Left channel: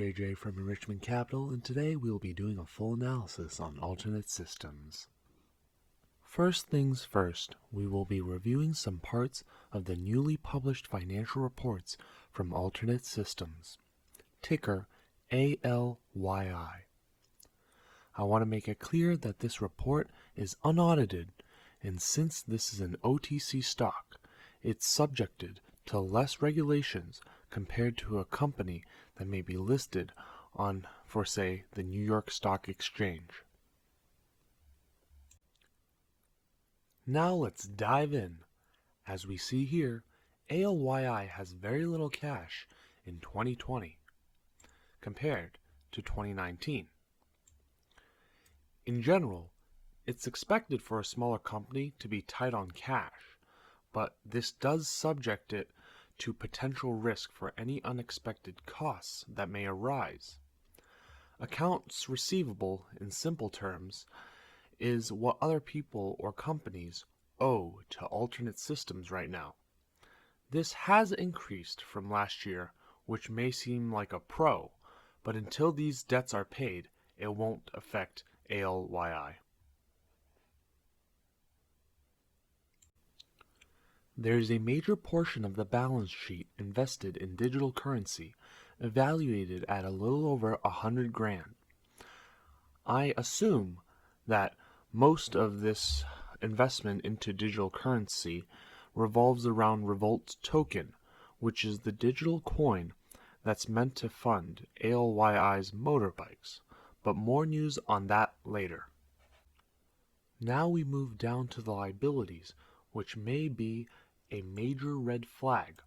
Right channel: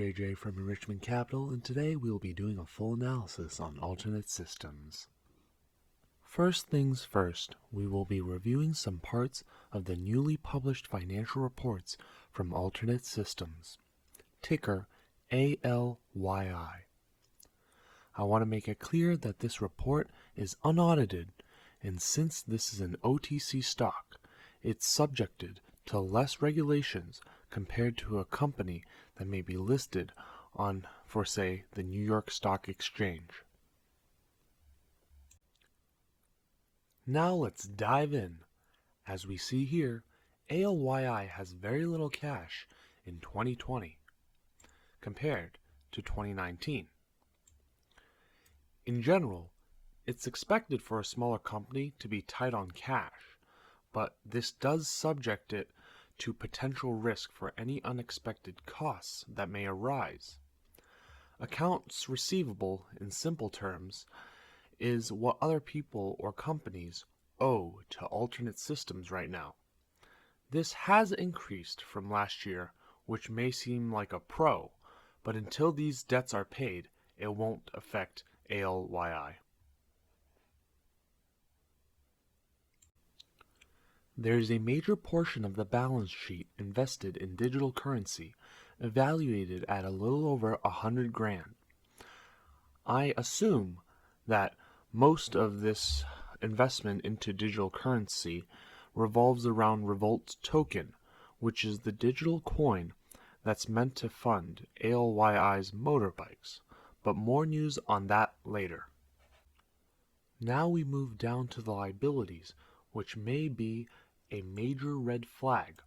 JJ from Enrichment Capital, and today we will be doing a full analysis on alternate systems. First things first, we will be reviewing some parts of the newly published financial reports from alternate systems, ticker ALYI. I want to make it clear that this report is unaudited, and since this is an OTC stock, it's subjected to less regulations compared to a company that may be listed on, for say, the New York Stock Exchange. Now let's dive in. As we see here, ALYI has very little cash in 2020 compared to 2019. In general, it's expected for a smaller company to be tight on cash, but this does subject it to potential risk for any unexpected costs that may arise. Accounts receivable, in simple terms, is what other people or companies owe to alternate systems right now. This has increased from last year, which may seem like a pro, but until these debts are paid, it won't affect ALYI. There is a major portion of the balance sheet invested in digital currency, evaluated at a little over $100,000. I assume that most of this investment into digital currency revolves around Revolt token, which is the digital coin that's meant to fund ALYI's motorbikes, but more news on that later. Now we move down to the liabilities, which may be a major red flag.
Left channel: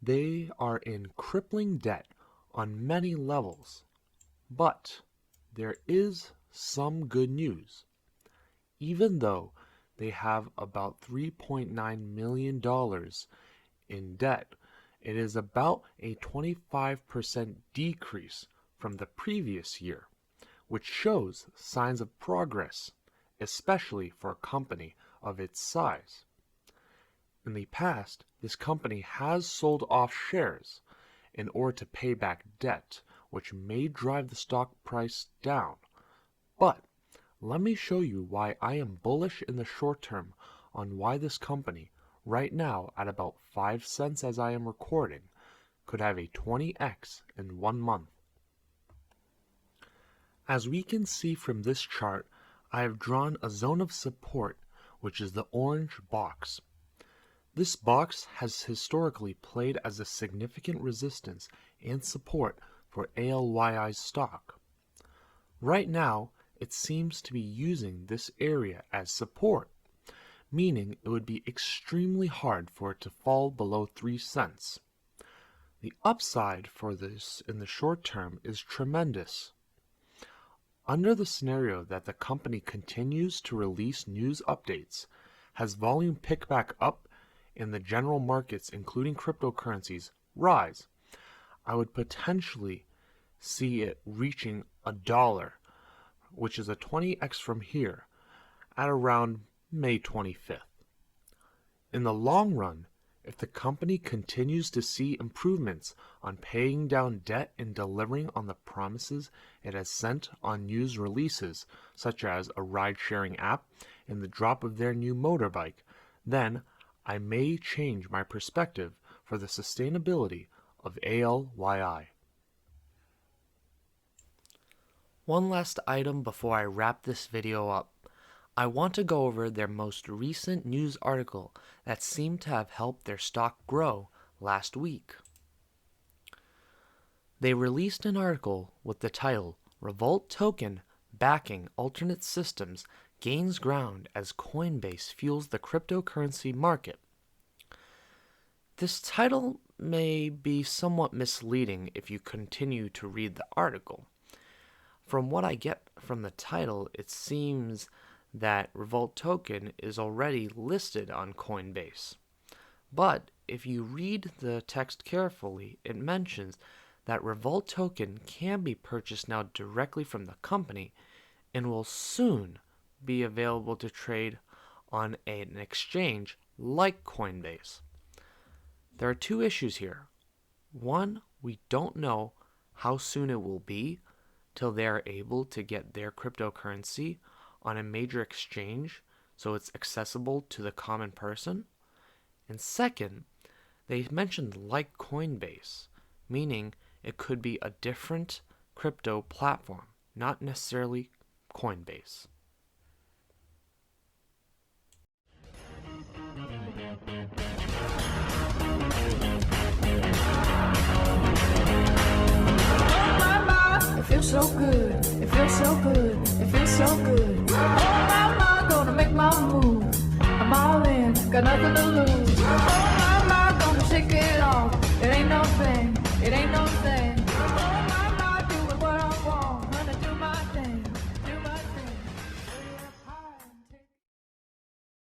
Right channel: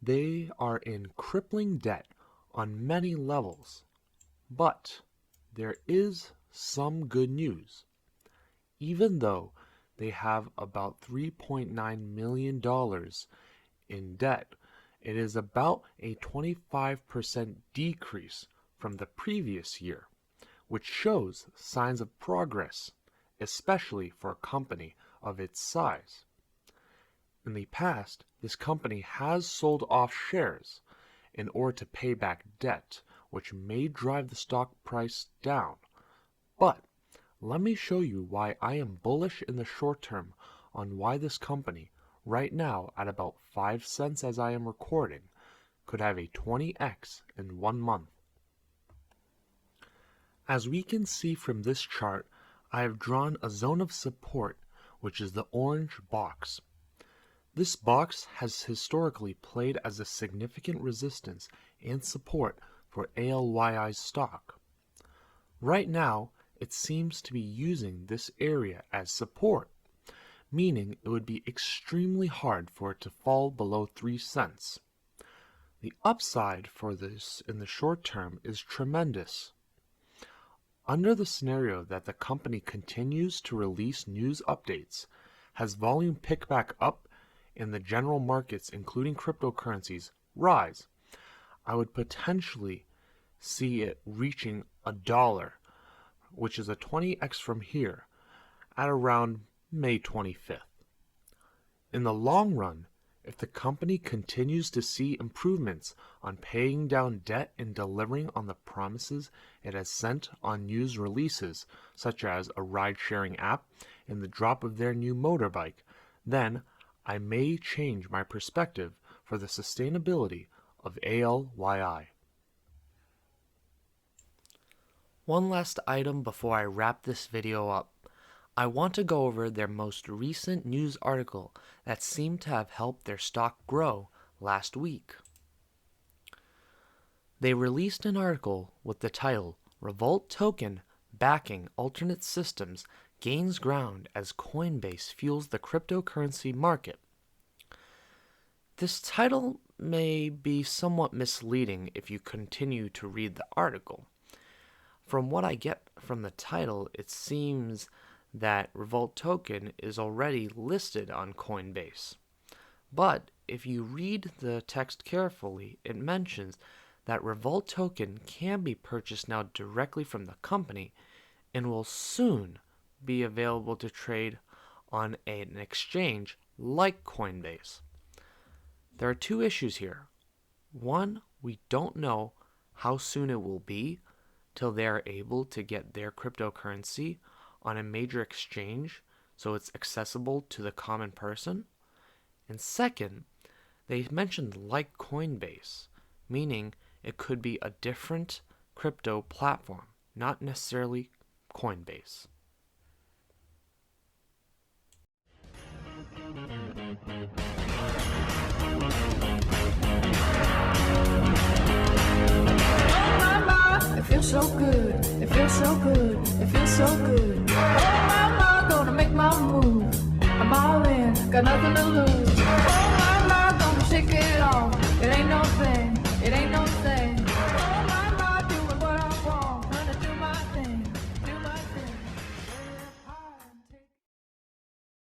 They are in crippling debt on many levels, but there is some good news. Even though they have about $3.9 million in debt, it is about a 25% decrease from the previous year, which shows signs of progress, especially for a company of its size. In the past, this company has sold off shares in order to pay back debt, which may drive the stock price down. But let me show you why I am bullish in the short term on why this company, right now at about 5 cents as I am recording, could have a 20x in 1 month. As we can see from this chart, I have drawn a zone of support, which is the orange box. This box has historically played as a significant resistance and support for ALYI's stock. Right now, it seems to be using this area as support, meaning it would be extremely hard for it to fall below 3 cents. The upside for this in the short term is tremendous. Under the scenario that the company continues to release news updates, has volume pick back up in the general markets, including cryptocurrencies, rise, I would potentially see it reaching $1, which is a 20x from here, at around May 25th. In the long run, if the company continues to see improvements on paying down debt and delivering on the promises it has sent on news releases, such as a ride-sharing app and the drop of their new motorbike, then I may change my perspective for the sustainability of ALYI. One last item before I wrap this video up. I want to go over their most recent news article that seemed to have helped their stock grow last week. They released an article with the title, "Revolt Token Backing Alternate Systems Gains Ground as Coinbase Fuels the Cryptocurrency Market." This title may be somewhat misleading if you continue to read the article. From what I get from the title, it seems that Revolt Token is already listed on Coinbase. But if you read the text carefully, it mentions that Revolt Token can be purchased now directly from the company and will soon be available to trade on an exchange like Coinbase. There are two issues here. One, we don't know how soon it will be till they are able to get their cryptocurrency on a major exchange so it's accessible to the common person. And second, they mentioned like Coinbase, meaning it could be a different crypto platform, not necessarily Coinbase. It feels so good. It feels so good. It feels so good. I'm gonna make my move. I'm all in. Got nothing to lose. I'm gonna shake it off. It ain't no thing.